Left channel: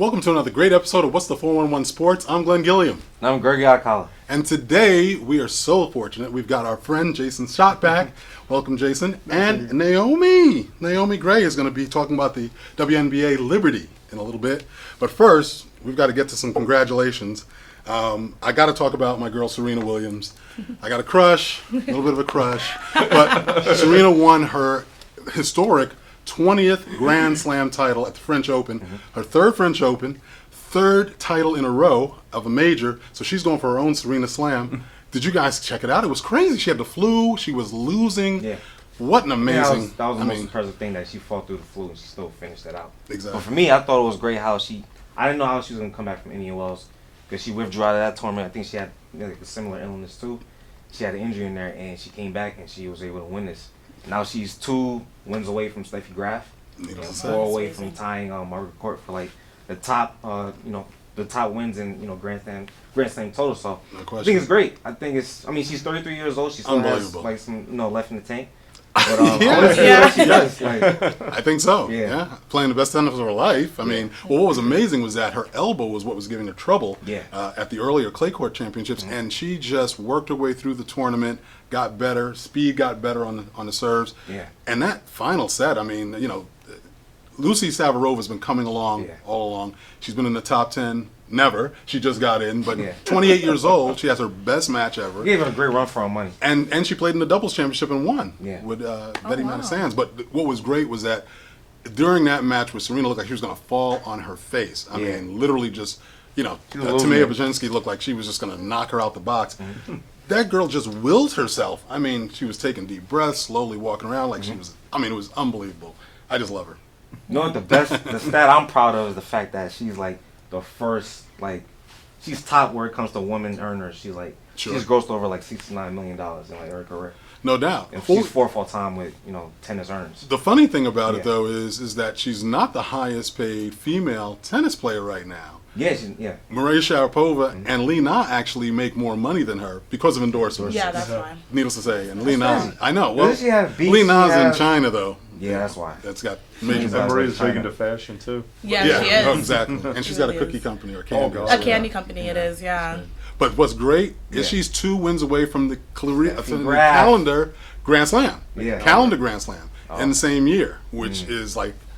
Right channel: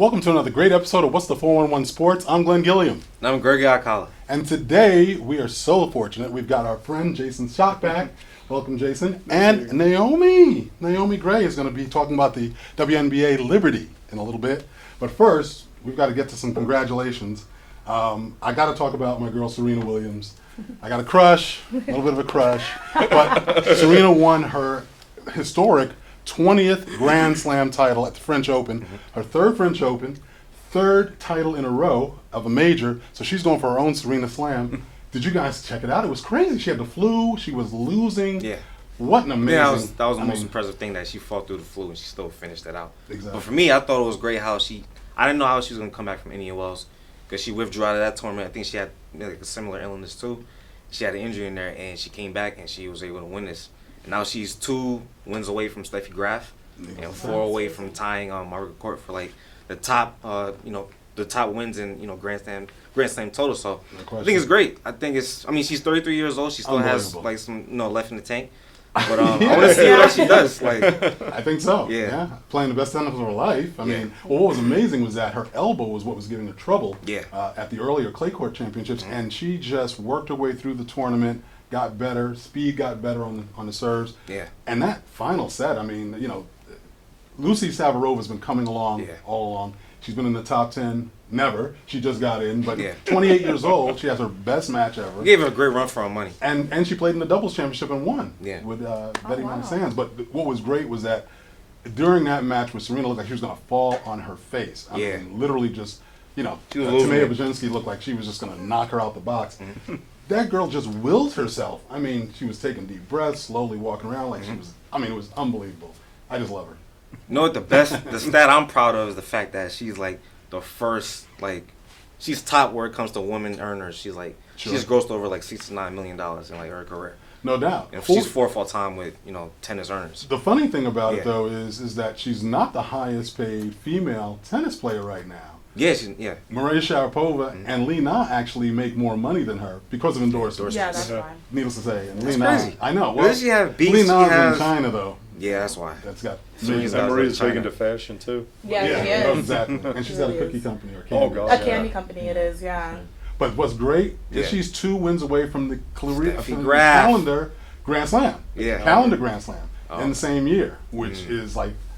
Welcome to another great episode of What's the 411 Sports. I'm Glenn Gilliam. And I'm Gregory Alcala. And today we are so fortunate. We've got our friend Jason Schott back. Welcome, Jason. And Naomi. Naomi Gray is going to be talking about the WNBA Liberty in a little bit. But first, we've got to get to some congratulations. I got to talk about my girl Serena Williams. I got a crush, a little bit of a crush. But Serena won her historic 20th Grand Slam title at the French Open, her third French Open, third title in a row of a major. So she's going for her own Serena Slam. Did you guys check it out? It was crazy. She had the flu. She was losing. Yeah. What an amazing. Yeah, that was the most impressive thing, that she fought through the flu and she still finished that out. Exactly. But for me, I thought it was great how I didn't know how she was going to come back from any wells because she withdrew out of that tournament. I think she had like a similar illness too. She had an injury in there and she came back and she was able to win this. Now she's 2 wins away from Steffi Graf and 4 away from tying Margaret Court for like the top, the top wins in Grand Slam total. So I think it's great. I mean, she's 33 years old. She still has like some left in the tank. But I want to see what she does. Like, I think so. Yeah. Playing the best tennis of her life. I mean, what was amazing was that her elbow was what was giving her trouble at the earlier clay court championships, and she just worked her way through the tournament, got better, speed got better on the serves. Yeah. And that final set, I mean, Lucy Savarova's been coming along all along. She's been in the top 10. Never. She just got in, but 28 years old. She has her best match ever. Gave her a great run for her money. And she played in the doubles championship and won with Betty Matasanz. But what was great was that during that match with Serena, looked like she was going to fall on her face. I mean, literally just, Tamaya Baczynski looked like she was just going to knock her out the box. That girl just willed herself. I mean, she was taking deep breaths, slowly walking around like she was, it was unbelievable. I just love her. You know what the stat I'm proud of is the fact that she's like the first, she's top where it comes to women earners. She's she's grossed over like $69 million in like her career. No doubt. And she's 4th all time with tennis earners. The funny thing about it though is that she's not the highest paid female tennis player right now. Yeah, Maria Sharapova and Li Na actually make more money than her because of endorsements. Yeah, that's fine. Needless to say, and Li Na, I know. Well, she have beats, Li Na's in China though. Yeah, that's why. That's got major. Maria's big into fashion too. Yeah, she is. Exactly. And she's got a cookie company or candy. A candy company, it is. Yeah. But what's great is she's 2 wins away from the calendar Grand Slam. Yeah. Calendar Grand Slam in the same year, which is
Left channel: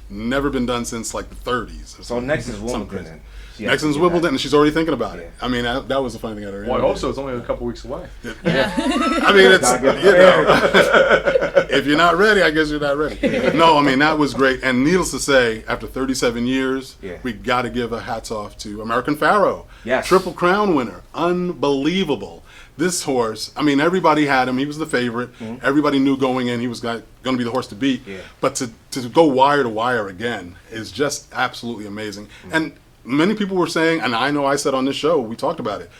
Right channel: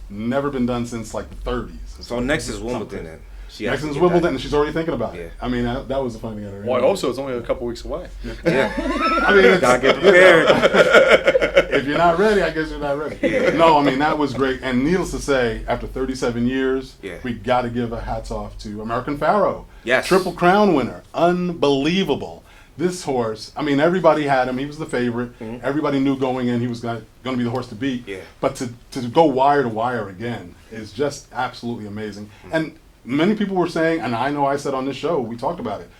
never been done since like the 30s. So next is Wimbledon. Next is Wimbledon, and she's already thinking about it. I mean, that was the funny thing out of it. Well, also, it's only a couple weeks away. Yeah. I mean, it's, if you're not ready, I guess you're not ready. No, I mean, that was great. And needless to say, after 37 years, we got to give a hats off to American Pharoah. Yes. Triple Crown winner. Unbelievable. This horse, I mean, everybody had him. He was the favorite. Everybody knew going in he was going to be the horse to beat. Yeah. But to go wire to wire again is just absolutely amazing. And many people were saying, and I know I said on this show, we talked about it,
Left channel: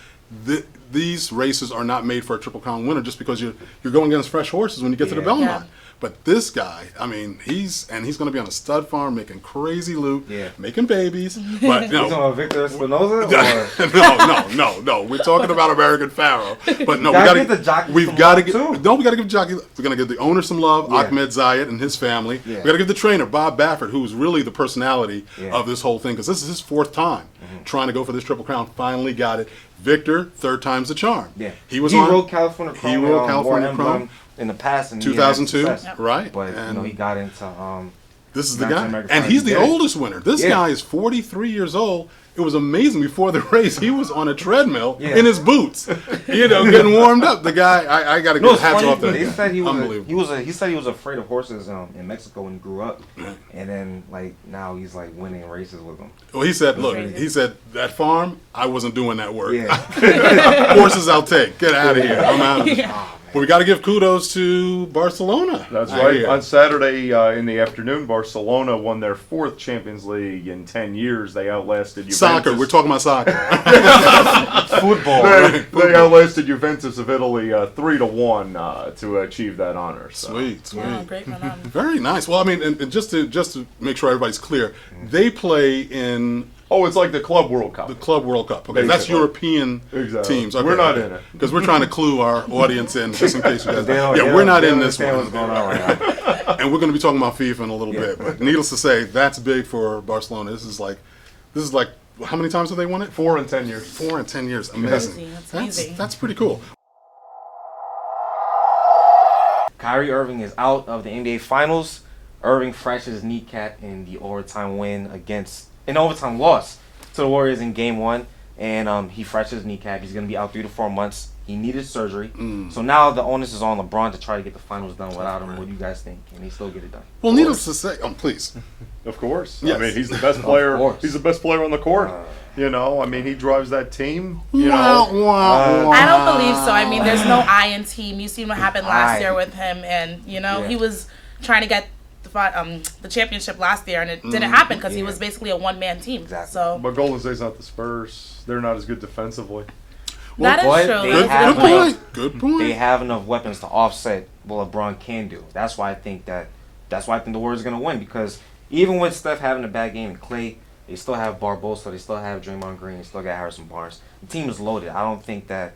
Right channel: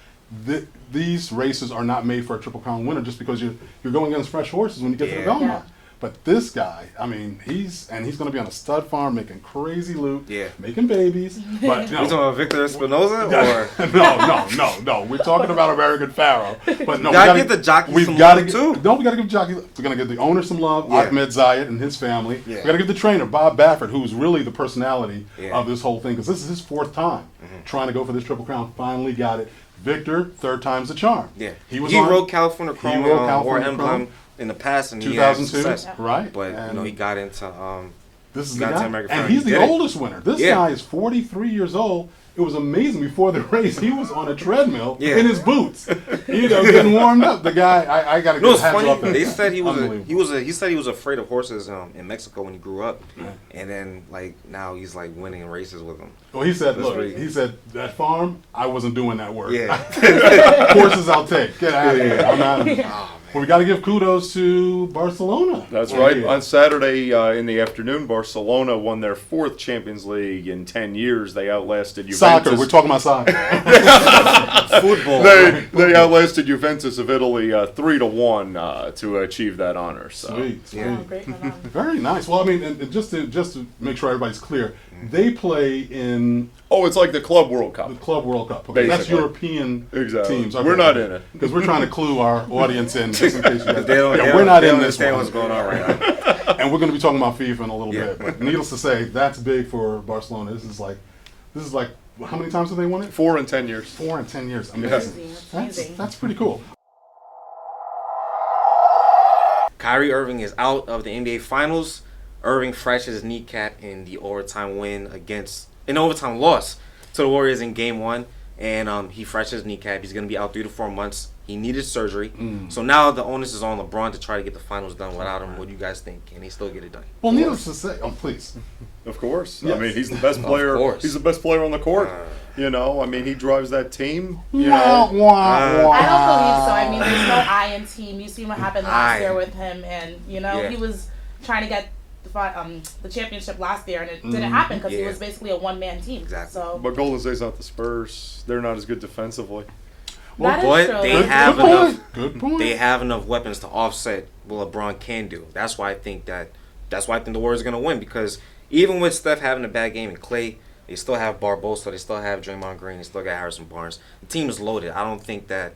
these races are not made for a Triple Crown winner just because you're going against fresh horses when you get to the Belmont. But this guy, I mean, he's going to be on a stud farm making crazy loot, making babies. But you talking about Victor Espinoza? No. We're talking about American Pharoah. But no, we got to get the jockey we got to give jockey. We're going to give the owner some love, Ahmed Zayed and his family. We got to give the trainer Bob Baffert, who's really the personality of this whole thing, because this is his 4th time trying to go for this Triple Crown. Finally got it. Victor, 3rd time's the charm. Yeah, he rode California Chrome. He rode California Chrome in the past, and 2002, right? But he got into this is the guy, and he's the oldest winner. This guy is 43 years old. It was amazing. Before the race, he was on a treadmill in his boots, getting warmed up. The guy, I got to give hats off to him. They said he was afraid of horses in Mexico when he grew up, and then now he's winning races with them. Well, he said, he said that farm, I wasn't doing that work. Horses I'll take. Get out of here. I'm out of here. Well, we got to give kudos to Barcelona. That's right. On Saturday in the afternoon, Barcelona won their 4th Champions League in 10 years. They outlasted Juventus. Soccer. We're talking about soccer. Football. They outlasted Juventus of Italy 3-1 to achieve that honor. So. Sweet. Yeah, great for them. Very nice. Well, I mean, and just to make sure everybody's clear, they play in. Oh, it's like the Club World Cup. The Club World Cup. Okay, that's European teams. Okay, we're not in it. Because we're trying to clue our audience in, just in case you guys we're not in this one. What's going on right now. And we're going to be talking about FIFA in a little bit. But needless to say, that's big for Barcelona. This is This is like, how many times have they won it? 4 in 10 years. 4 in 10 years. Amazing. Amazing. That's amazing. That's pretty cool. Kyrie Irving is out of the NBA Finals. Irving fractured his kneecap in the overtime loss to the Warriors in Game 1. And he fractured his kneecap. He's going to be out 3 to 4 months. He needed surgery. So now the onus is on LeBron to try to get the finals done without him. What do you guys think? Can he still get it done? Well, needless to say, please. Of course. Yes. I mean, he's the best player. course. He's the best player on the court. You know, I mean, he drives that team. You Wow, know. wow, wow. I don't believe so. I mean, there's no I in team. You seen what happened last year with him, and Yeah. he was trying to get the championship last year, and it didn't happen because he was basically a one-man team. Exactly. So But Golden State's not the Spurs. They're not as good defensively. that is but true. they That's a have good point. enough. Good point. They have enough weapons to offset what LeBron can do. That's why I think the Warriors are going to win, because even with Steph having a bad game and Klay, they still have Barbosa, they still have Draymond Green, they still got Harrison Barnes. The team is loaded. I don't think that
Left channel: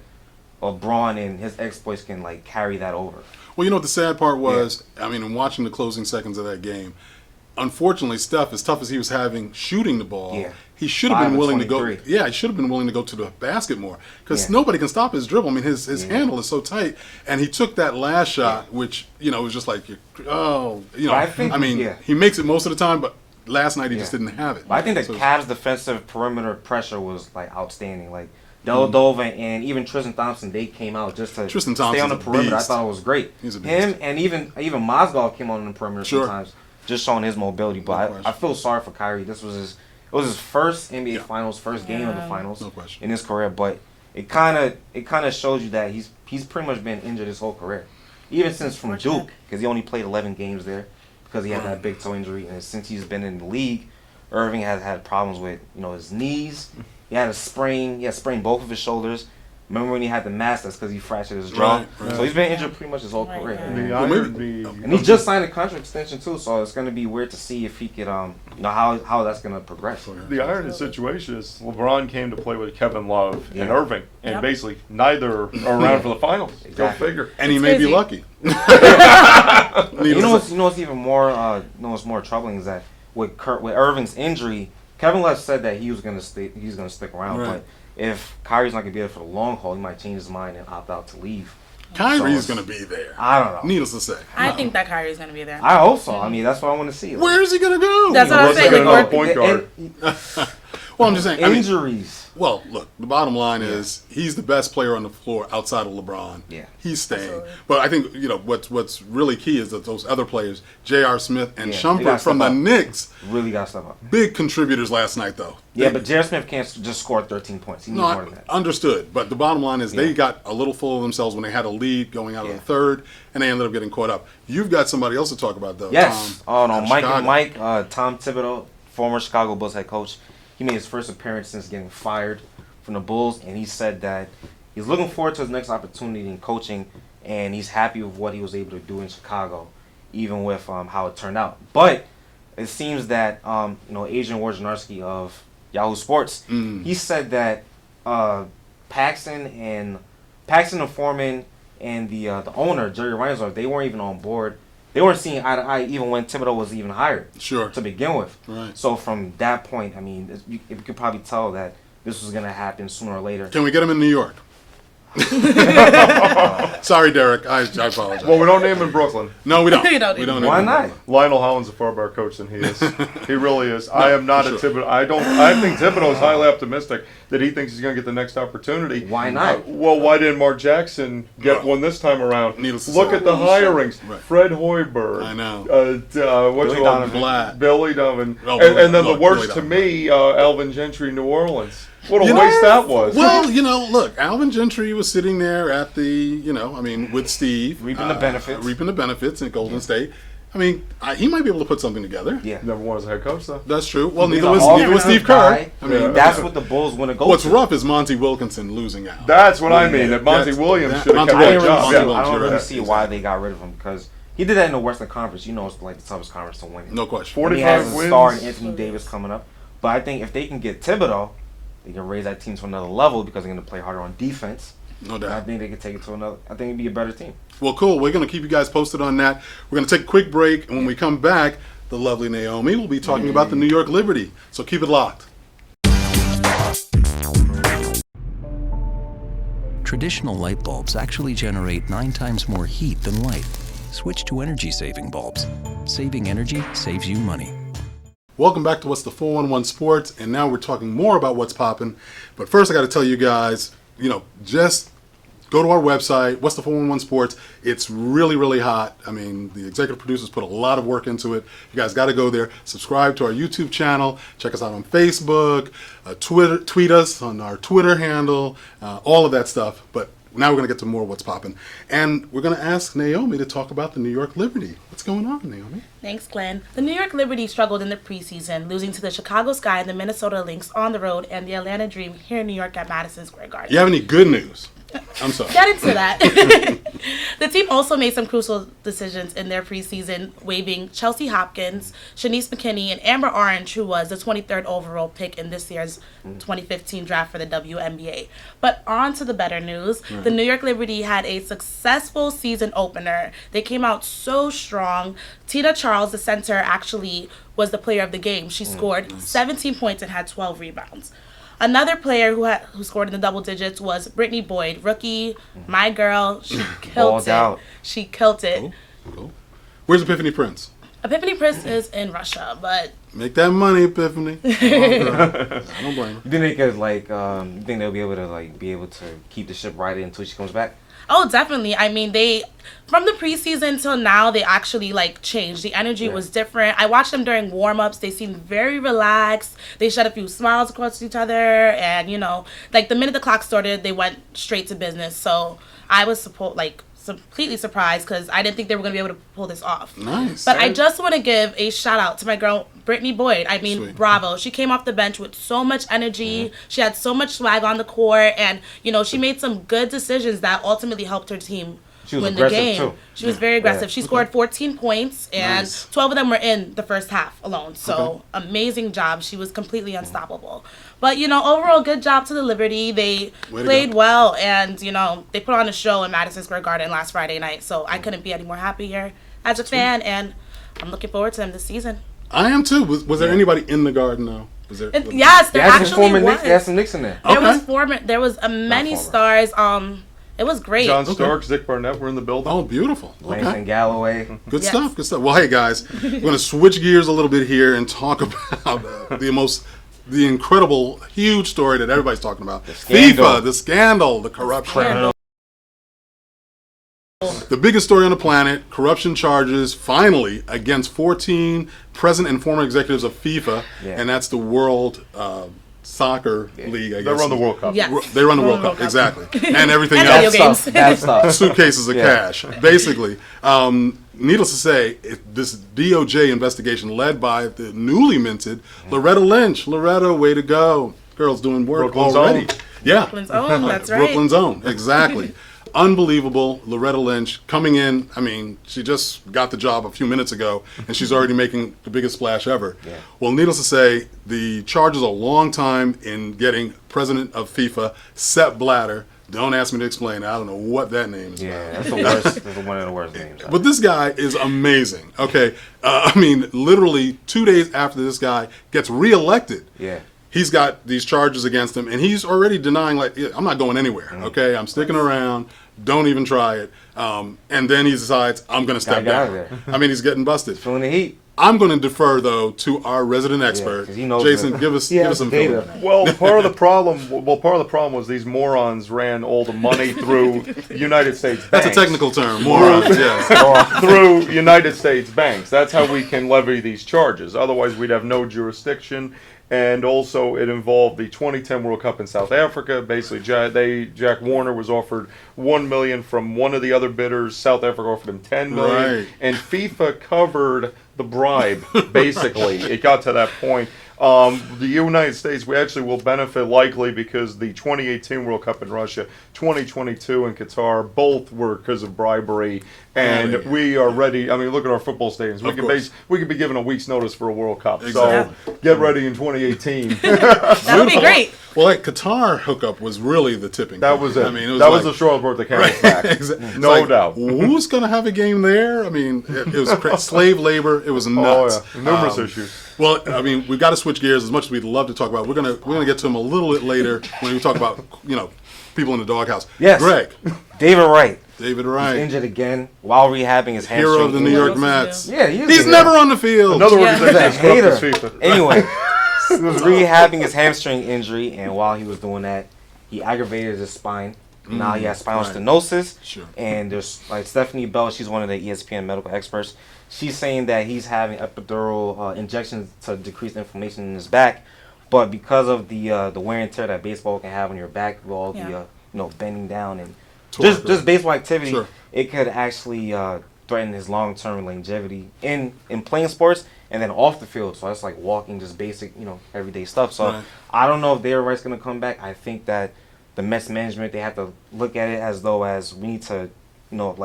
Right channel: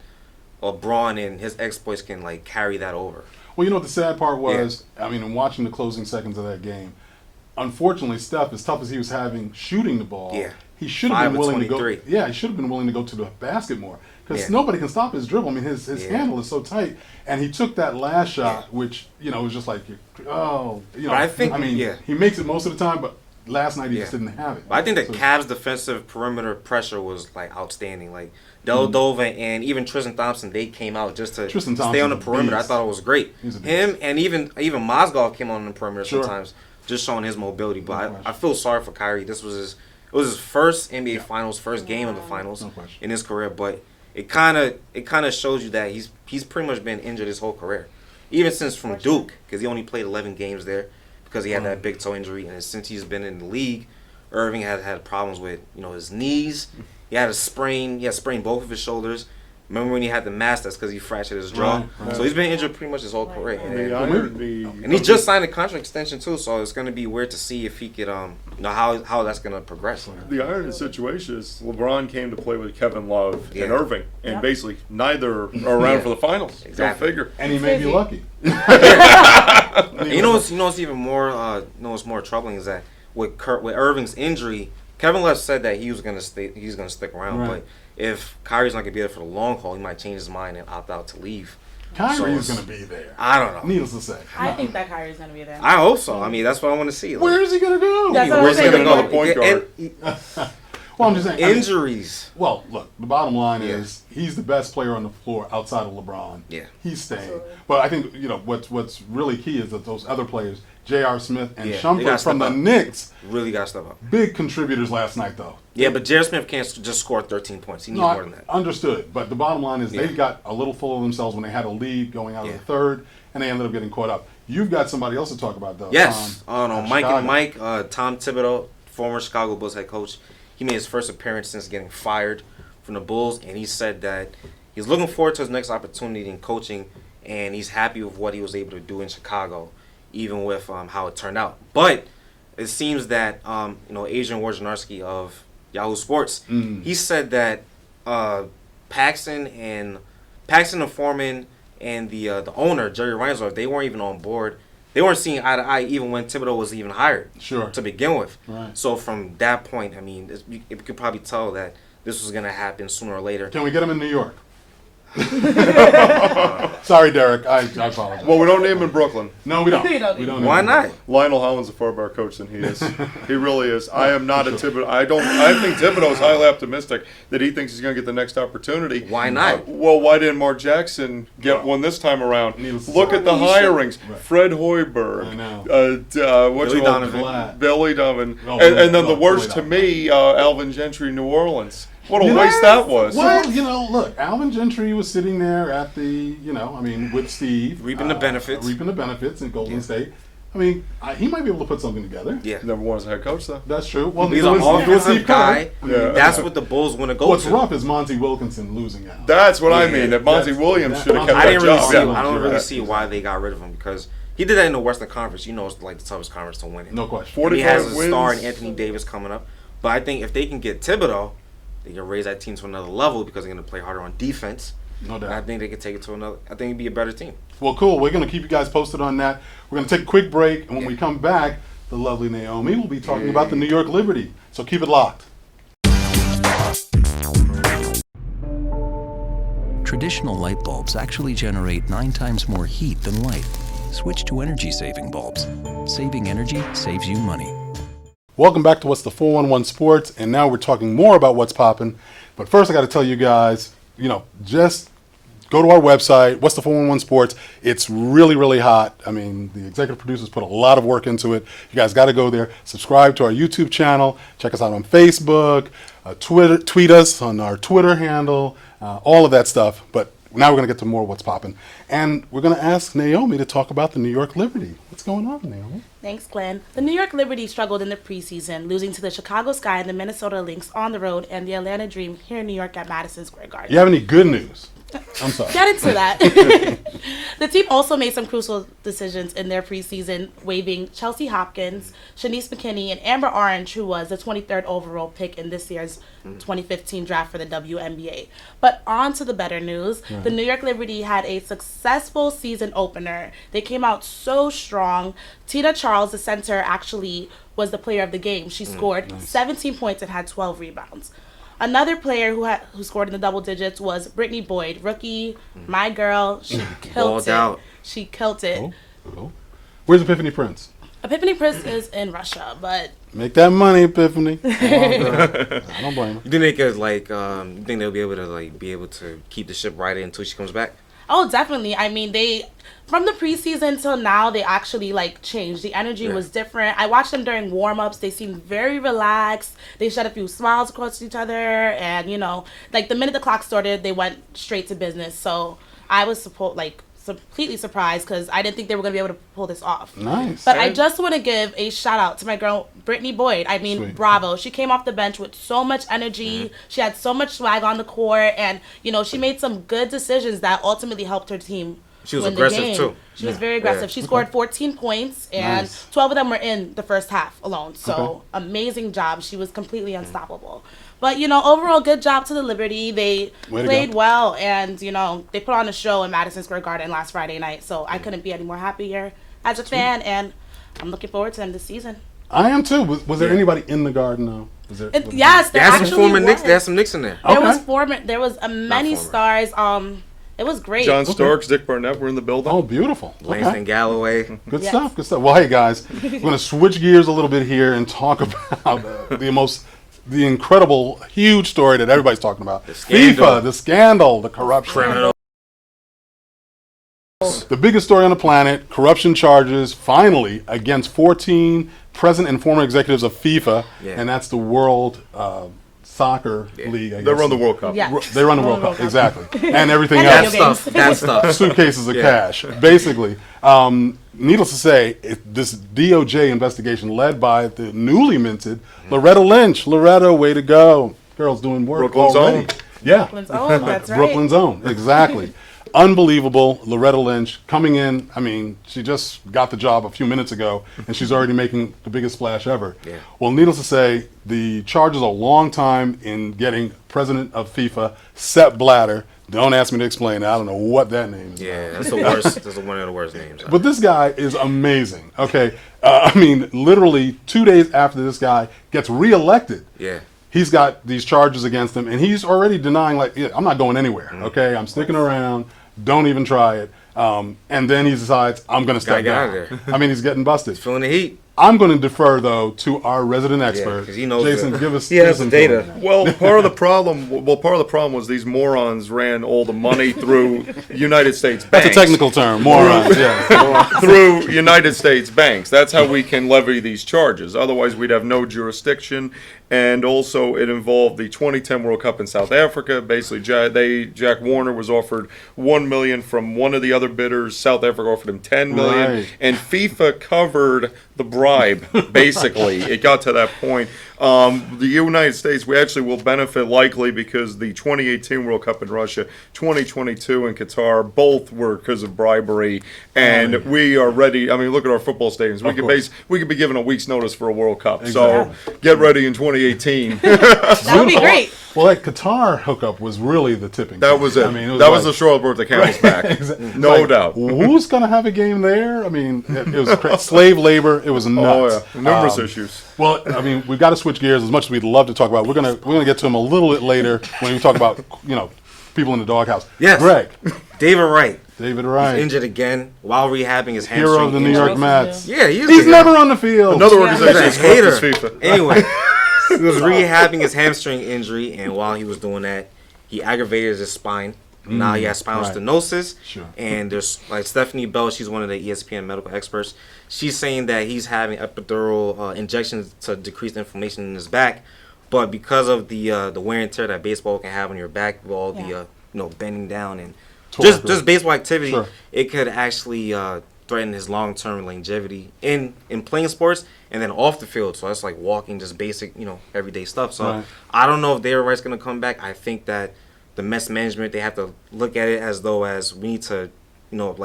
LeBron and his exploits can carry that over. Well, you know what the sad part was? I mean, in watching the closing seconds of that game, unfortunately, Steph, as tough as he was having shooting the ball, he should have 5 been of willing to go. 23. Yeah, he should have been willing to go to the basket more, because Yeah. nobody can stop his dribble. I mean, his handle is so tight, and he took that last shot, which was just like, But I think- he makes it most of the time, but last night he just didn't have it. But I think that So- Cavs' defensive perimeter pressure was outstanding. Deladova and even Tristan Thompson, they came out just to Tristan stay on the Thompson's a perimeter. beast. I thought it was great. He's a beast. Him and even Mozgov came on the perimeter Sure. sometimes, just showing his mobility. But question. I feel sorry for Kyrie. It was his first NBA Finals, first game of the Finals No question. in his career. But it kind of shows you that he's pretty much been injured his whole career, even since from Duke, because he only played 11 games there because he had that big toe injury, and since he's been in the league, Irving has had problems with his knees. He had sprained both of his shoulders. Remember when he had the mask? That's because he fractured his jaw. Right. So he's been injured pretty much his whole Right, career. right. The irony, And he just signed a contract extension too, so it's going to be weird to see if he could, how that's going to progress. the irony of the situation is LeBron came to play with Kevin Love and Yeah. Irving, and Yep. basically neither are around for the finals. Exactly. Go figure. And he It's may be crazy. lucky. You know what's even more what's more troubling is that with Irving's injury, Kevin Love said that he was going to stay. He's going to stick around, Right. but if Kyrie's not going to be there for the long haul, he might change his mind and opt out to leave. Kyrie's So- going to be there. I don't know. Needless to say. I No. think that Kyrie's gonna be there. I hope so. I mean, that's what I want to see. Where is he going to go? That's what I'm Unless they saying. got Like, another point guard. Well, I'm just saying. I mean, Injuries. well, look, the bottom line is he's the best player on the floor outside of LeBron. Yeah. He's staying. Absolutely. But I think, what's really key is that those other players, J.R. Smith and Yeah, they gotta Shumpert from step the up. Knicks, Really got to step up. big contributors last night, though. Yeah, but Jared Smith can't just score 13 points. He needs No, more than that. understood. But the bottom line is they Yeah. got a little full of themselves when they had a lead going out of Yeah. the third, and they ended up getting caught up. You've got somebody else to talk about, though. Yes. Oh, no. out of Mike Chicago. and Mike, Tom Thibodeau, former Chicago Bulls head coach, he made his first appearance since getting fired from the Bulls, and he said that he's looking forward to his next opportunity in coaching, and he's happy with what he was able to do in Chicago, even with how it turned out. But it seems that Adrian Wojnarowski of Yahoo Sports, he said that Paxson and Foreman and the owner Jerry Reinsdorf, they weren't even on board. They weren't seeing eye to eye even when Thibodeau was even hired Sure. to begin with. Right. So from that point, I mean, you could probably tell that this was going to happen sooner or later. Can we get him in New York? Sorry, Derek. I apologize. Well, we don't name him in Brooklyn. No, we don't. We don't We don't Why need not? him. Lionel Hollins is a far better coach than he is. He really is. I am not a Thibodeau. I think Thibodeau is highly optimistic that he thinks he's going to get the next opportunity. Why not? Well, why didn't Mark Jackson get No. one this time around? Needless to Look say. at the You should. hirings. Right. Fred Hoiberg. I know. Billy Donovan. Vlad. Billy Donovan. No, and then look, the worst Billy to me, Alvin Gentry, New Orleans. What a You know- waste that was. Well, look, Alvin Gentry was sitting there at the, with Steve. Reaping the benefits. Reaping the benefits in Golden State. I mean, he might be able to put something together. Yeah. Never was a head coach, though. That's true. Well, He's neither an was offensive Steve Kerr. guy. I mean, Yeah. That's what the Bulls want to go what's to. rough is Monty Wilkinson losing out. That's what I Yeah. mean. That Monty That's- Williams that- should have Monty kept I that didn't really job. see. Yeah. I don't You're really right. see why they got rid of him, because he did that in the Western Conference. It's like the toughest conference to win it. No question. 40 And he has a 45 star in wins. Anthony Davis coming up. But I think if they can get Thibodeau, they can raise that team to another level because they're going to play harder on defense. No And I doubt. think they could take it to another. I think it'd be a better team. Well, cool. We're going to keep you guys posted on that. We're going to take a quick break, and when we come back, the lovely Naomi will be talking about the New York Liberty. So keep it locked. traditional light bulbs actually generate 9 times more heat than light. Switch to energy-saving bulbs. Saving energy saves you money. Welcome back to What's the 411 Sports, and now we're talking more about what's popping. But first I got to tell you guys, just go to our website, What's the 411 Sports. It's really, really hot. I mean, the executive producers put a lot of work into it. You guys got to go there. Subscribe to our YouTube channel. Check us out on Facebook. Tweet us on our Twitter handle. All of that stuff. But now we're going to get to more what's popping. And we're going to ask Naomi to talk about the New York Liberty. What's going on, Naomi? Thanks, Glenn. The New York Liberty struggled in the preseason, losing to the Chicago Sky and the Minnesota Lynx on the road and the Atlanta Dream here in New York at Madison Square Garden. You have any good news? I'm sorry. Get into that. The team also made some crucial decisions in their preseason, waiving Chelsea Hopkins, Shanice McKinney, and Amber Orange, who was the 23rd overall pick in this year's 2015 draft for the WNBA. But on to the better news. Right. The New York Liberty had a successful season opener. They came out so strong. Tina Charles, the center, actually was the player of the game. She scored 17 points and had 12 rebounds. Another player who scored in the double digits was Brittany Boyd, rookie, my girl. She killed it. She killed it. Cool. Where's Epiphany Prince? Epiphany Prince is in Russia, but make that money, Epiphany. I don't blame her. You think they could you think they'll be able to keep the ship right until she comes back? Oh, definitely. I mean, from the preseason till now, they actually changed. The energy was different. I watched them during warm-ups. They seemed very relaxed. They shed a few smiles across each other, and the minute the clock started, they went straight to business. So I was completely surprised because I didn't think they were going to be able to pull this off. Nice. But I just want to give a shout out to my girl Brittany Boyd. I mean, bravo. She came off the bench with so much energy. She had so much swag on the court, and she made some good decisions that ultimately helped her team win the game. Too. She was very aggressive. She scored 14 points, and 12 of them were in the first half alone. So amazing job. She was completely unstoppable. But, overall, good job to the Liberty. They played well, and, they put on a show in Madison Square Garden last Friday night. So I couldn't be any more happier as a fan, and I'm looking forward to them this season. I am, too. Was there anybody in the Garden, though? Yes, there actually was. There some Knicks in there. There was many stars. It was great. John Starks, Dick Burnett were in the building. Oh, beautiful. Langston Galloway. Good stuff. Well, hey, guys, we're going to switch gears a little bit here and talk about the incredible, huge story that everybody's talking about. FIFA, the scandal, the corruption. The biggest story on the planet, corruption charges, finally, against 14 present and former executives of FIFA, and that's the World Soccer League, I guess. They run the World Cup. Yes. They run the World Cup, exactly. And everything else. That stuff. Suitcases of cash, basically. Needless to say, this DOJ investigation led by the newly minted Loretta Lynch. Loretta, way to go. Girl's doing work Brooklyn's already. Own. Yeah. Brooklyn's Own, that's right. Brooklyn's Own, exactly. Unbelievable. Loretta Lynch coming in. I mean, she just got the job a few minutes ago, and she's already making the biggest splash ever. Yeah. Well, needless to say, the charge is a long time in getting president of FIFA, Sepp Blatter. Don't ask me to explain it. I don't know what that name is. Yeah, that's the worst. That's one of the worst names. But this guy is amazing. Okay, I mean, literally 2 days after this guy gets reelected, he's got these charges against him, and he's already denying, I'm not going anywhere. Okay, I'm sticking around. Don't even try it. And then he decides, I'm going to step down. I mean, he's getting busted. Feeling the heat. I'm going to defer, though, to our resident expert, he knows Jason. Give us some data. Well, part of the problem was these morons ran all the money through United States banks. That's a technical term, morons. Yes, through United States banks. That's how we can levy these charges. Otherwise, we'd have no jurisdiction. And also, it involved the 2010 World Cup in South Africa. Basically, Jack Warner was offered $1 million from one of the other bidders. South Africa offered him $10 million, Right. and FIFA covered the bribe. Basically, it got to that point. The United States, we actually will benefit likely because the 2018 World Cup in Russia, 2022 in Qatar, both were because of bribery, and we are ready. I mean, look at our football stadiums. We could be given a week's notice for a World Cup. Exactly. So get ready in 2018 That would be great. Well, that Qatar hookup was really the tipping That point. was it. I mean, That was the straw that brought the camel's back. No doubt. Who's going to have a game there? I mean, it was slave labor. It was nuts. Oh, yeah. Numerous issues. Well, I mean, we've got to switch gears as much as we'd love to talk about. We're gonna get to them a little bit later when we talk about people in the doghouse. Yes. Greg. David Wright. David He's Wright. injured again while rehabbing his hamstring. Hero of the New injury. York Mets. Yeah, He's never on the field. Another Yeah. organization He's a swept this hater. FIFA. Anyway, he was rehabbing his hamstring injury, and while he was doing that, he aggravated his spine. Now he has spinal right. stenosis. Sure. And there's like Stephanie Bell, she's one of the ESPN medical experts. She's saying that he's having epidural injections to decrease inflammation in his back, but because of the wear and tear that baseball can have on your back, with all the bending down and just baseball activity, Sure. it could actually threaten his long-term longevity in playing sports and then off the field. So that's like walking, just basic, everyday stuff. So Right. I don't know if David Wright's going to come back. I think that the Mets management, they have to look at it as though we need to,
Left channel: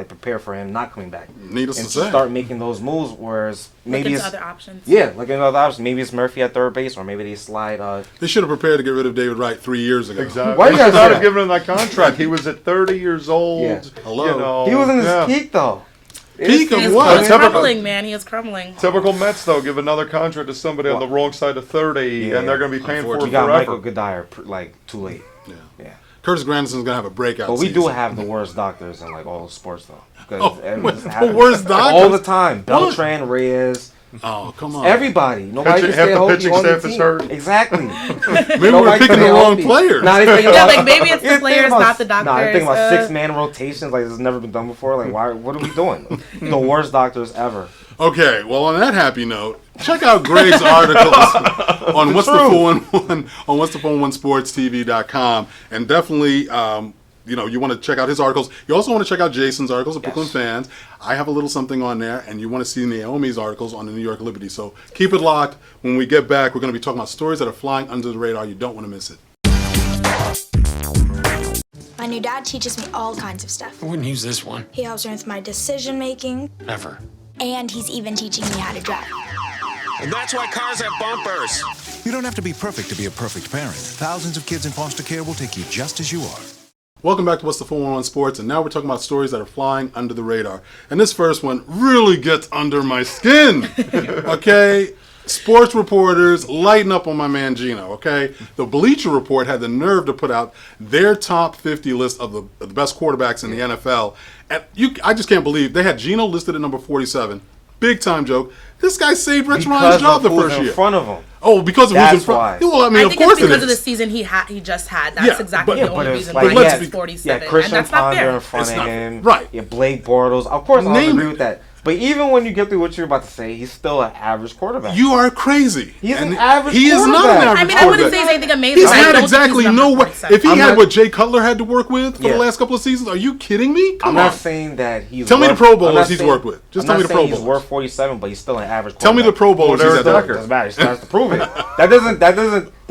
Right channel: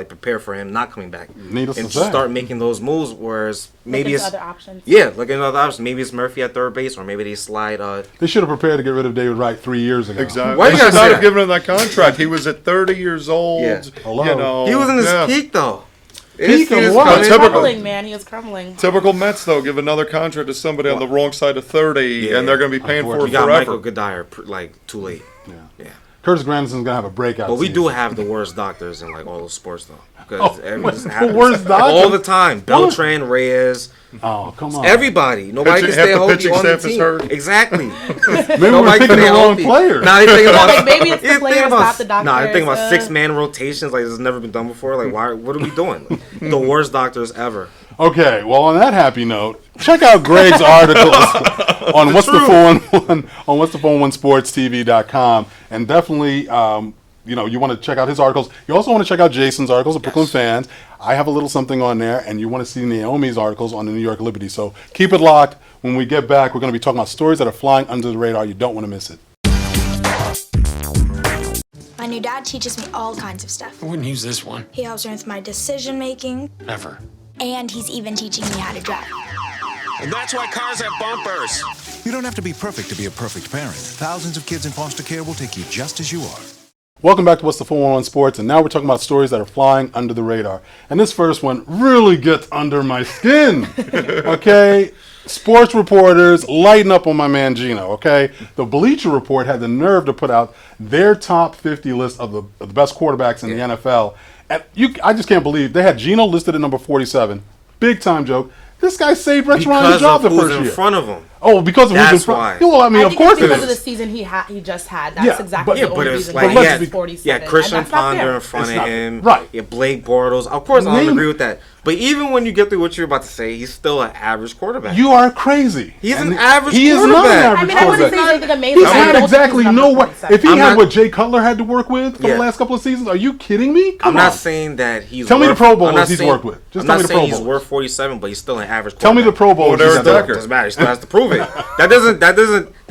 prepare for him not coming back. Needless and to say. start making those moves, whereas maybe Maybe it's other options. yeah, looking at other options. Maybe it's Murphy at third base, or maybe they slide. They should have prepared to get rid of David Wright 3 years ago. Exactly. Why you They gotta should say not have that? given him that contract. He was at 30 years old. Yeah. Hello. He was in his yeah. peak though. Peak of He was what? Typical. crumbling, man. He was crumbling. Typical Mets, though, give another contract to somebody on the wrong side of 30, and they're going to be paying for it You got Michael forever. Goodire too late. Yeah. Yeah. Curtis Granderson's gonna have a breakout. But we season. do have the worst doctors in like all of sports though. Oh, Because the worst doctors? all the time. Beltran, Reyes, Oh, come on. everybody. Nobody can Half stay the healthy pitching on the staff is team. hurt. Exactly. Maybe we're Nobody picking can the stay wrong healthy. player. Nah, they thinking about Like, maybe it's the yeah, players, thinking about- not the doctors. Nah, they're thinking about uh, 6-man rotations like this has never been done before. Like, why? What are we doing? The worst doctors ever. Okay, well, on that happy note, check out Greg's articles on what's the 411 on what's the 411SportsTV.com, and definitely, you want to check out his articles. You also want to check out Jason's articles, of Brooklyn Fans. I have a little something on there, and you want to see Naomi's articles on the New York Liberty. So keep it locked. When we get back, we're going to be talking about stories that are flying under the radar. You don't want to miss it. My new dad teaches me all kinds of stuff. I wouldn't use this one. He helps me with my decision making, Ever. and he's even teaching me how to drive. And that's why cars have bumpers. You don't have to be perfect to be a perfect parent. Thousands of kids in foster care will take you just as you are. Welcome back to What's the 411 Sports, and now we're talking about stories that are flying under the radar. And this first one really gets under my skin, okay? Sports reporters lighten up on my man Gino, okay? The Bleacher Report had the nerve to put out their top 50 list of the best quarterbacks in the NFL. And I just can't believe they had Gino listed at number 47. Big time joke. This guy saved Rex Ryan's Because job of the who's first in year. front of him. Oh, because of who's in That's front. why. Yeah, well, I mean, I of think course it's because it of the is. season he just had. That's Yeah, exactly but- the only But it's reason like why let's he's be- 47. Christian and that's not Ponder fair. in front It's of not- him. right. Yeah, Blake Bortles. Of course, I Name- don't agree with that. But even when you get through what you're about to say, he's still an average quarterback. You are crazy. He's And an average He is not an quarterback. average I mean, I wouldn't quarterback. say he's anything amazing. He's but I had don't think exactly he's no number way. 47. If he I'm had not- what Jay Cutler had to work with for Yeah. the last couple of seasons, are you kidding me? Come I'm on. not saying that he's. Tell me worth, the Pro I'm Bowlers not he's saying- worked with. Just I'm tell not me the saying Pro he's Bowlers. worth 47, but he's still an average. Tell me the Pro Bowlers. Well, he's Derek had. Decker. Doesn't matter. He still has to prove it.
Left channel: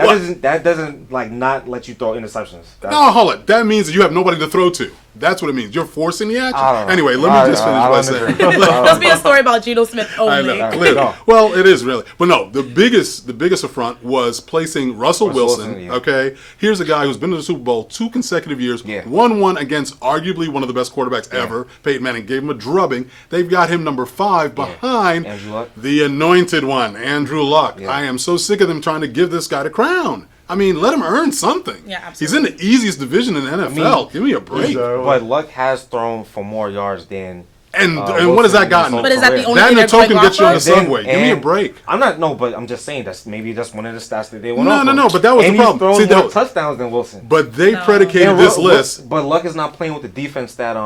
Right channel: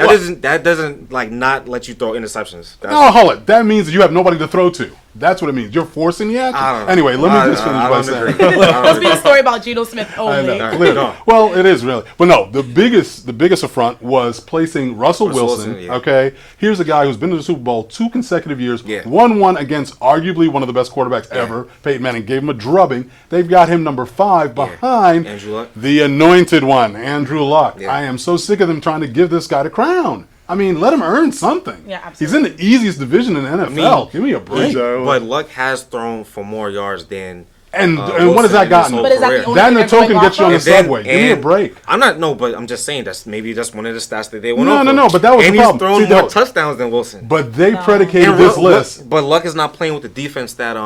That doesn't like not let you throw interceptions. That's, No, hold it. That means that you have nobody to throw to. That's what it means. You're forcing the action. I don't know. Anyway, let me just finish by I saying. don't agree. Let's be a story about Geno Smith I only. know, Alright, clearly. go. Well, it is really. But no, the biggest affront was placing Russell Wilson. Wilson, yeah. Okay, here's a guy who's been to the Super Bowl 2 consecutive years, Yeah. won one against arguably one of the best quarterbacks ever. Peyton Manning gave him a drubbing. They've got him number 5 behind Andrew Luck. the anointed one, Andrew Luck. Yeah. I am so sick of them trying to give this guy the crown. I mean, let him earn something. Yeah, He's in the easiest division in the NFL. Give me a break. Exactly. But Luck has thrown for more yards than. And what has Wilson that in gotten? his whole But is that the career. only That and a thing they're token going gets you on the off And then- subway. Give me a and- break. I'm not no, but I'm just saying that's maybe just one of the stats that they went No, off no, of. no, but that was and the problem. he's See, thrown more that- touchdowns than Wilson. But they No. predicated And this Luck- list. but Luck is not playing with the defense that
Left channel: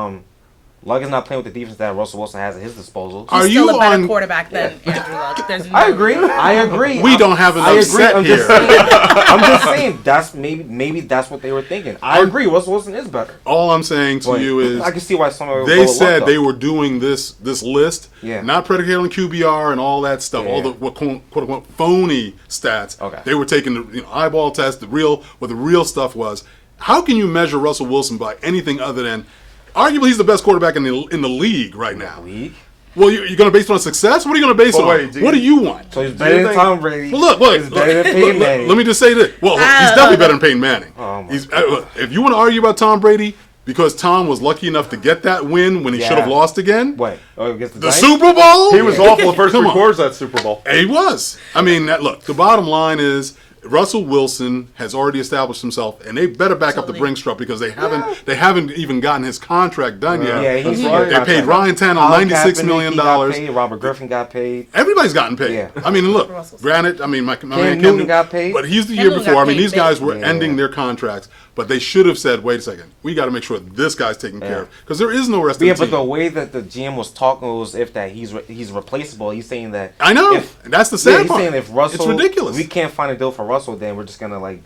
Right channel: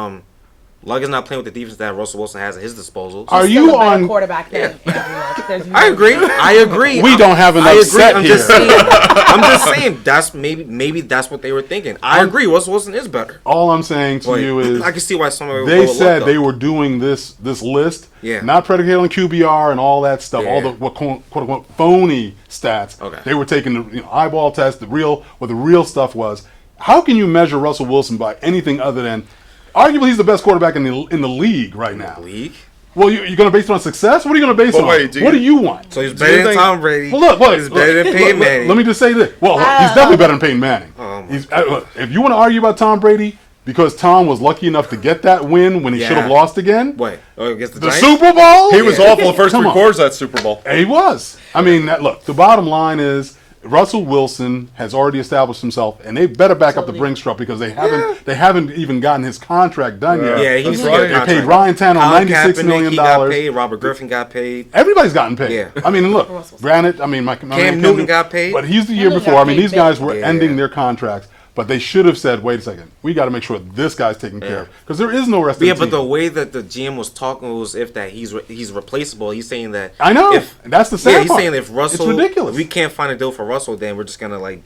Luck is not playing with the defense that Russell Wilson has at his disposal. Are He's still you a better on? quarterback than Andrew Luck. There's no I agree. We don't have enough I agree. set I'm here. just saying. I'm just saying that's maybe that's what they were thinking. I agree. Russell Wilson is better. All I'm saying to But you is, I can see why some of it they would said look they up. were doing this list, Yeah. not predicated on QBR and all that stuff, all the Yeah. what quote unquote phony stats. Okay. They were taking the eyeball test, the real stuff was. How can you measure Russell Wilson by anything other than? Arguably, he's the best quarterback in the league right now. league. Well, you're going to base it on success? What are you going to base Well, it wait, on? What do you want? So he's you better than think- Tom Brady. Well, look, he's better than Peyton Manning. Let me just say this. Well, he's definitely better than Peyton Manning. Oh, my He's, if you want to argue about Tom Brady, because Tom was lucky enough to get that win when he Yeah. should have lost again, What? Oh, against the the Giants? Super Bowl? He was awful the first Come three on. quarters of that Super Bowl. And he was. I mean, look, the bottom line is, Russell Wilson has already established himself, and they better back up the Brinks truck because they haven't even gotten his contract done yet. Yeah, he's right. They paid Ryan Tannehill $96 million. He got paid. Robert Griffin got paid. Everybody's gotten paid. Yeah. I mean, look, granted, I mean, my Cam Newton got paid. but he's the year Newton before. got I mean, paid these guys big. were ending their contracts, but they should have said, wait a second, we got to make sure this guy's taken care of because there is no rest of the Yeah, team. but the way that the GM was talking was if that he's replaceable. He's saying that I know. That's the sad Yeah, he's part. saying if Russell, it's ridiculous. we can't find a deal for Russell, then we're just gonna like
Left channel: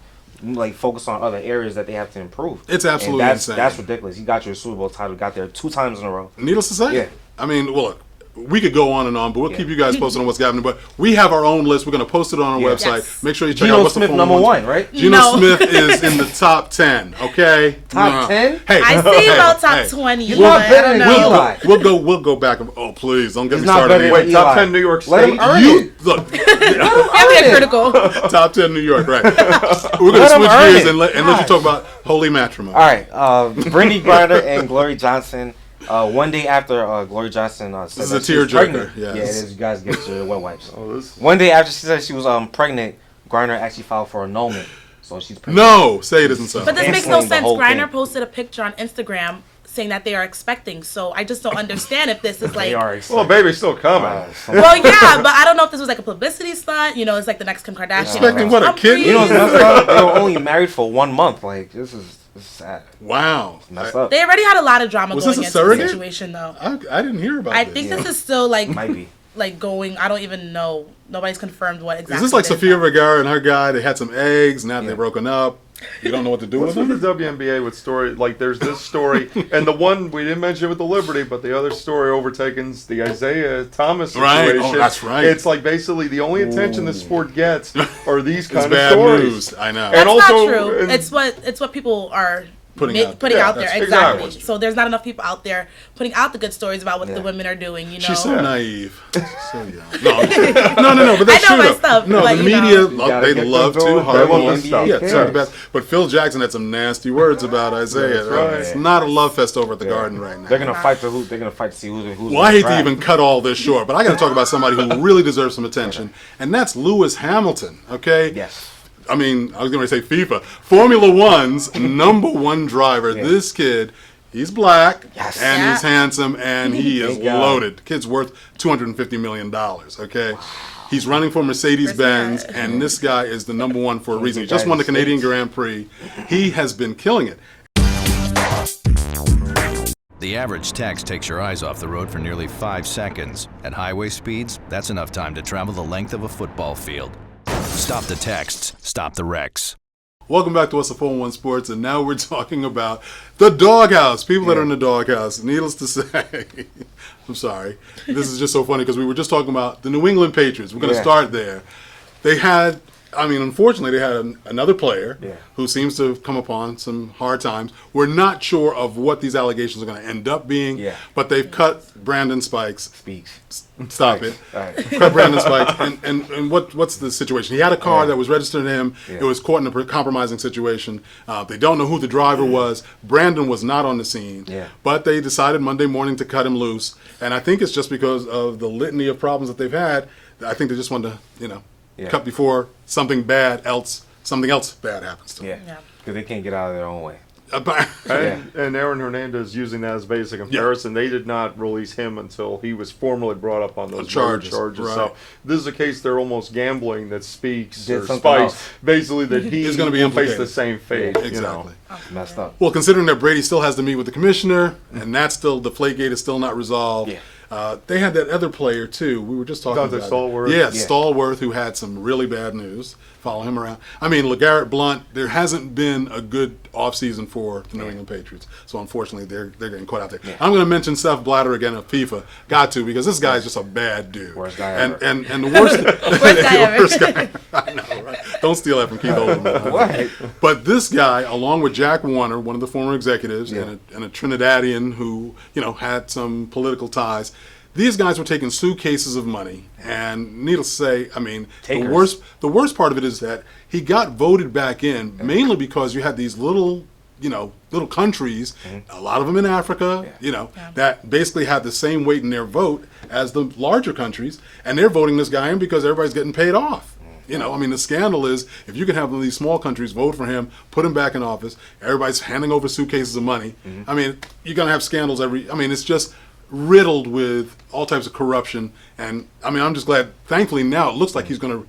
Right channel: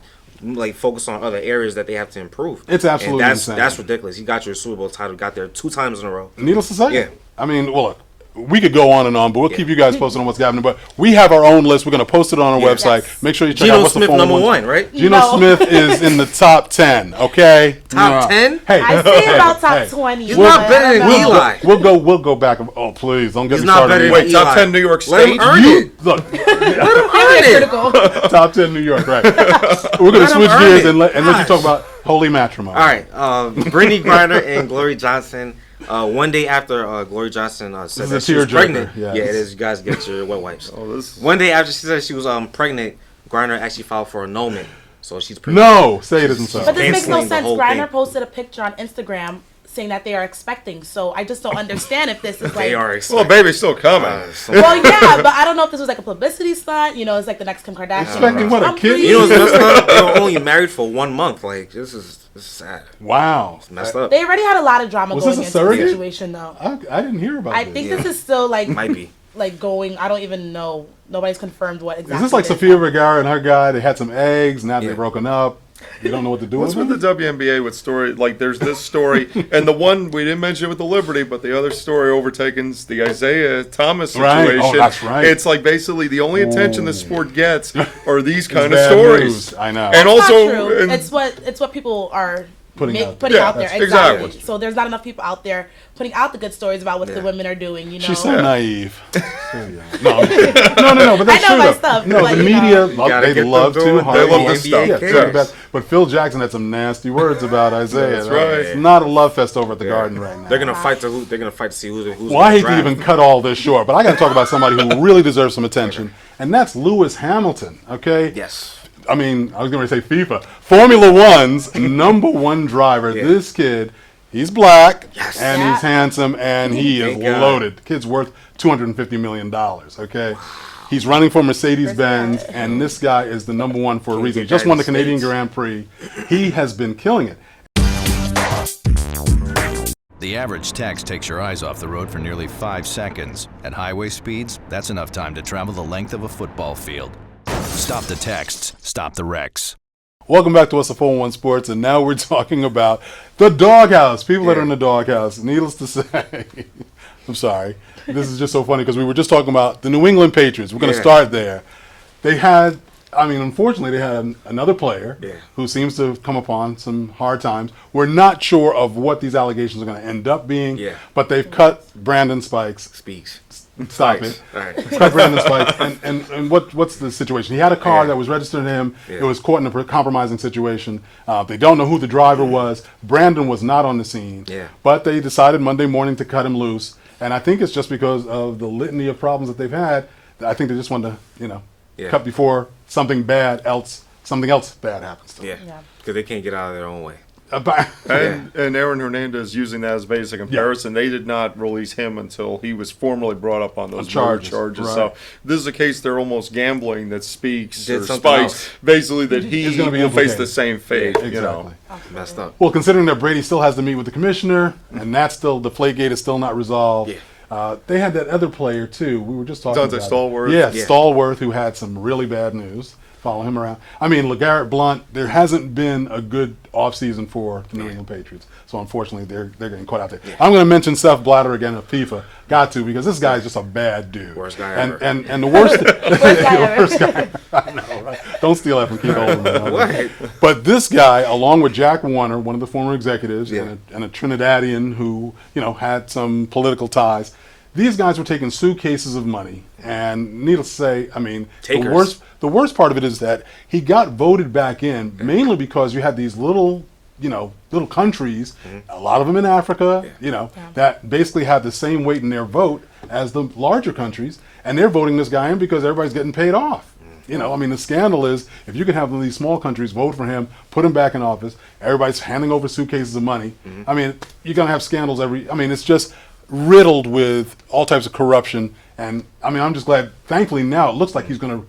focus on other areas that they have to improve. It's absolutely and insane. That's ridiculous. He got your Super Bowl title. Got there 2 times in a row. Needless to say. Yeah. I mean, well, look, we could go on and on, but we'll keep you guys posted on what's happening. But we have our own list. We're going to post it on our website. Yes. Make sure you check Geno out what's Smith the phone number ones. 1, right? Geno No. Smith is in the top 10. Okay, Top 10? Hey, I say hey, about top hey. 20. He's but not I better don't than know. Eli. We'll go back. Oh, please don't get He's me not started. better than Wait, top Eli. 10 New York Let him State? earn You it. look. Very critical. Top 10 New York, right? We're going to Let him switch earn gears it. and let you talk about holy matrimony. All right, Brittany Griner and Glory Johnson. One day after Glory Johnson said is that a she was tearjerker, pregnant. yes. Yeah, it is. You guys get your wet wipes. This is- One day after she said she was pregnant, Griner actually filed for annulment. So she's pregnant. No, say it isn't so. But this makes no Canceling the sense. whole Griner thing. posted a picture on Instagram saying that they are expecting. So I just don't understand if this is like. They are Well, excited. baby's still coming. Well, yeah, but I don't know if this was like a publicity stunt. You know, it's like the next Kim Kardashian. Expecting what, a kid? You know what's messed up? They were only married for 1 month. Like, this is sad. Wow. It's messed up. They already had a lot of drama Was going this a into the surrogate? situation, though. I didn't hear about I this. think this is still like Might be. like going. I don't even know. Nobody's confirmed what exactly. Is this like it is Sofia now. Vergara and her guy? They had some eggs, now they're Yeah. broken up. You don't know what to do What's with with them? the WNBA with story? Like, there's this story, and the one we didn't mention with the Liberty, but the other story overtakes the Isaiah Thomas Right. situation. Oh, that's right. It's like basically the only attention the sport gets are these kind of bad stories. news. I know. That's And also, not true. and- it's what people are Putting out there. putting Yeah, out there. that's- Exactly. exactly. So there's not enough people out there putting out the good stories about what the women are doing. You know. She's so naive. So young. No, no, but they I know my should have. stuff, No, but, the you media, know. gotta they get love them to. going. Hard They love on this the stuff. media. cares. Yeah, but Phil Jackson had some nasty words about Isaiah. That's right. It's not a love fest over at the Garden right now. They're gonna fight to They're gonna fight to see who's. Well, I hate to draft. even cut all this short, but I got to talk about somebody who really deserves some attention, and that's Lewis Hamilton. Okay. Yes. I mean, I was going to say FIFA. Formula One's number one driver. Yeah. This kid, he's black, Yes. and Yeah. he's handsome, and he is Thank God. loaded. The kid's worth $250 million, okay? He's running for Mercedes-Benz, and this guy is the number one for a reason. He just won the Canadian Grand Prix. He has been killing it. The average text takes your eyes off the road for nearly 5 seconds. At highway speeds, that's enough time to travel the length of a football field. Stop the texts, stop the wrecks. Welcome back to us at 411 Sports, and now we're talking about the Doghouse. People that are in the Doghouse. Needless to say, I'm sorry. This is just so funny because we were just talking about the New England Patriots. We're going to start there. They had, unfortunately, they had another player who seems to have come upon some hard times. We're not sure of what these allegations are going to end up being, but they've cut Brandon Spikes. Stop it. All right. Cut Brandon Spikes. And what's the situation? He had a car that was registered to him. It was caught in a compromising situation. They don't know who the driver was. Brandon was not on the scene. But they decided Monday morning to cut him loose. And I think it's just because of the litany of problems that they've had. I think they just wanted to, cut before something else bad happens to them. Yeah. Because they can't get out of their own way. And Aaron Hernandez using that as basic comparison, they did not release him until he was formally brought up on those charges. Right. So this is a case they're almost gambling that Speaks Did or something Spikes, else. basically that he Is gonna be will face implicated. the same fate. Exactly. Messed up. Well, considering that Brady still has to meet with the commissioner, and that's still, the Deflategate is still not resolved. They had that other player, too. We were just talking Dante about Stallworth? Yeah, Yeah. Stallworth, who had some really bad news. Follow him around. LeGarrette Blount, there hasn't been a good offseason for the New England Patriots. So, unfortunately, they're getting caught out there. I'm going to mention Seth Blatter again of FIFA. Got to, because this guy's just a bad dude. Worst guy and, ever. And the worst, Worst guy ever. worst guy. I know, right? Don't steal that from Keith Olbermann. What? But this guy, along with Jack Warner, one of the former executives, and a Trinidadian who, had some political ties, these guys were taking suitcases of money. And needless to say, the worst part of it is that he got voted back in mainly because you had these little countries, a lot of them in Africa, that basically have the same weight in their vote as the larger countries, and they're voting this guy in because everybody's getting paid off. You know, I mean, the scandal is if you can have these small countries vote for him, put him back in office, everybody's handing over suitcases of money. I mean, you're going to have scandals it's just riddled with all types of corruption. And, I mean, I'm just glad, thankfully now it looks like he's going to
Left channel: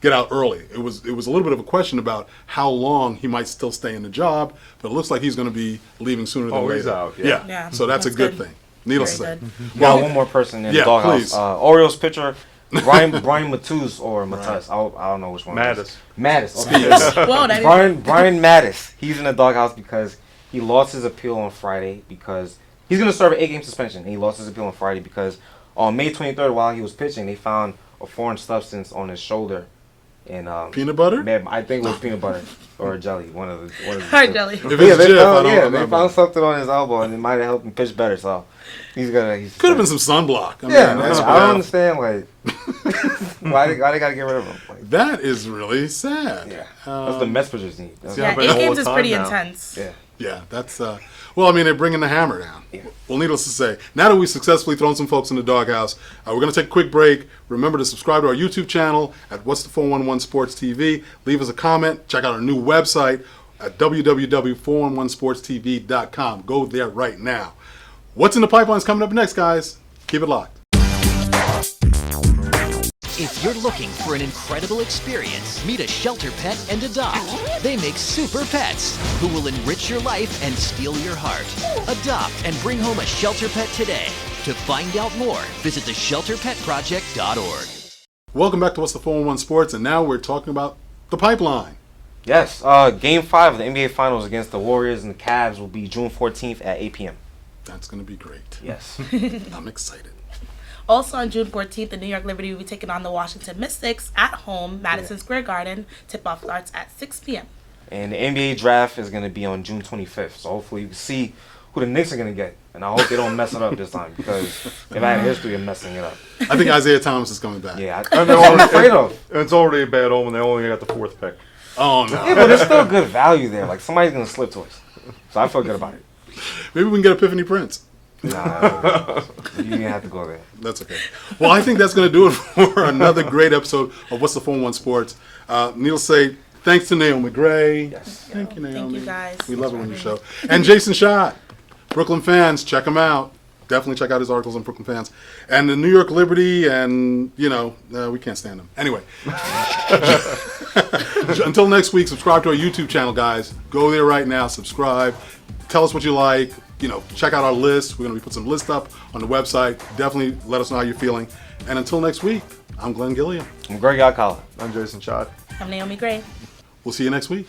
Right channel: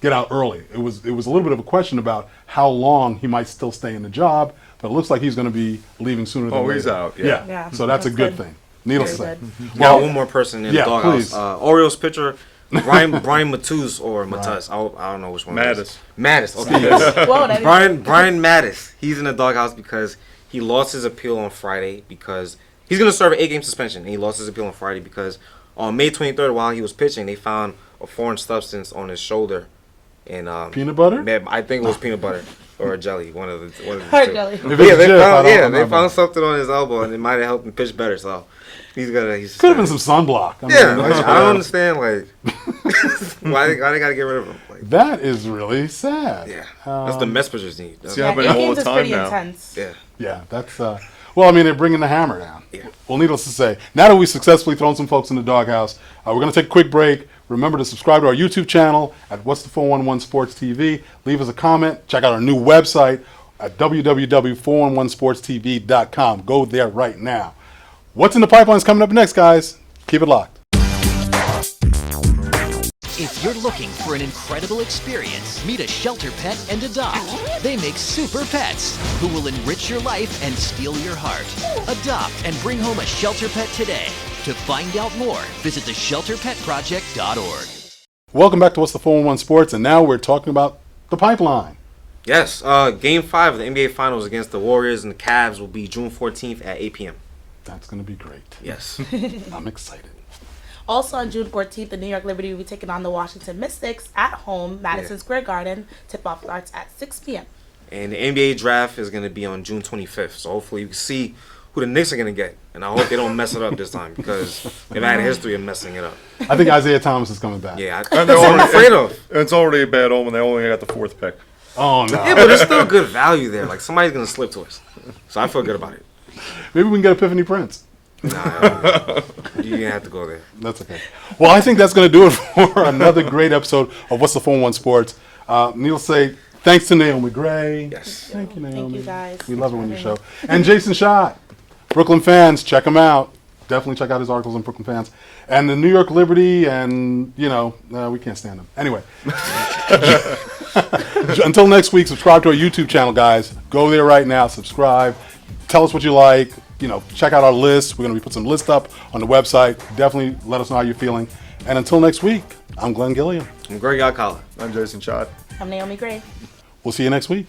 get out early. It was a little bit of a question about how long he might still stay in the job, but it looks like he's going to be leaving sooner than later. He's out, Yeah. So that's a good thing. Needless to say. Very Well, one more person in the doghouse. please. Orioles pitcher Brian Matuz or Matuz. I don't know which one. Mattis. Mattis. Okay. Whoa, that Brian Mattis. He's in the doghouse because he lost his appeal on Friday because he's going to serve an 8-game suspension. And he lost his appeal on Friday because on May 23rd, while he was pitching, they found a foreign substance on his shoulder. And peanut butter? I think it was peanut butter or jelly. One of the Hard two. jelly. If it's They found something on his elbow and it might have helped him pitch better. So he's could have been some sunblock. I don't understand why they gotta get rid of him. That is really sad. Yeah, that's the Mets pitchers need. Yeah, 8 games is pretty intense. Yeah, that's well, I mean, they're bringing the hammer down. Yeah. Well, needless to say, now that we've successfully thrown some folks in the doghouse, we're going to take a quick break. Remember to subscribe to our YouTube channel at What's the 411SportsTV. Leave us a comment. Check out our new website at www.411sportstv.com. Go there right now. What's in the pipeline is coming up next, guys. Keep it locked. If you're looking for an incredible experience, meet a shelter pet and adopt. They make super pets who will enrich your life and steal your heart. Adopt and bring home a shelter pet today. To find out more, visit theshelterpetproject.org. Welcome back to What's the 411 Sports, and now we're talking about the pipeline. Yes, Game 5 of the NBA Finals against the Warriors and the Cavs will be June 14th at 8 p.m. That's going to be great. Yes. I'm excited. Also on June 14th, the New York Liberty will be taking on the Washington Mystics at home, Madison Square Garden. Tip-off starts at 6 p.m. And the NBA draft is going to be on June 25th. So hopefully you can see who the Knicks are going to get. And I hope they don't mess it up this time because they've had a history of messing it up. I think Isaiah Thomas is coming back. Yeah, that's what I'm afraid of. It's already a bad omen. They only got the 4th pick. Oh, no. Yeah, but there's still good value there. Like, somebody's going to slip to us. So I feel good about it. Maybe we can get Epiphany Prince. Nah, you didn't have to go there. That's okay. Well, I think that's going to do it for another great episode of What's the 411 Sports. Neil say thanks to Naomi Gray. Yes. Thank you, Naomi. Thank you, guys. We love it when you show. And Jason Schott. Brooklyn fans, check him out. Definitely check out his articles on Brooklyn fans. And the New York Liberty, and, we can't stand them. Anyway. Until next week, subscribe to our YouTube channel, guys. Go there right now. Subscribe. Tell us what you like. Check out our list. We're going to be putting some lists up on the website. Definitely let us know how you're feeling. And until next week, I'm Glenn Gilliam. I'm Greg Alcala. I'm Jason Schott. I'm Naomi Gray. We'll see you next week.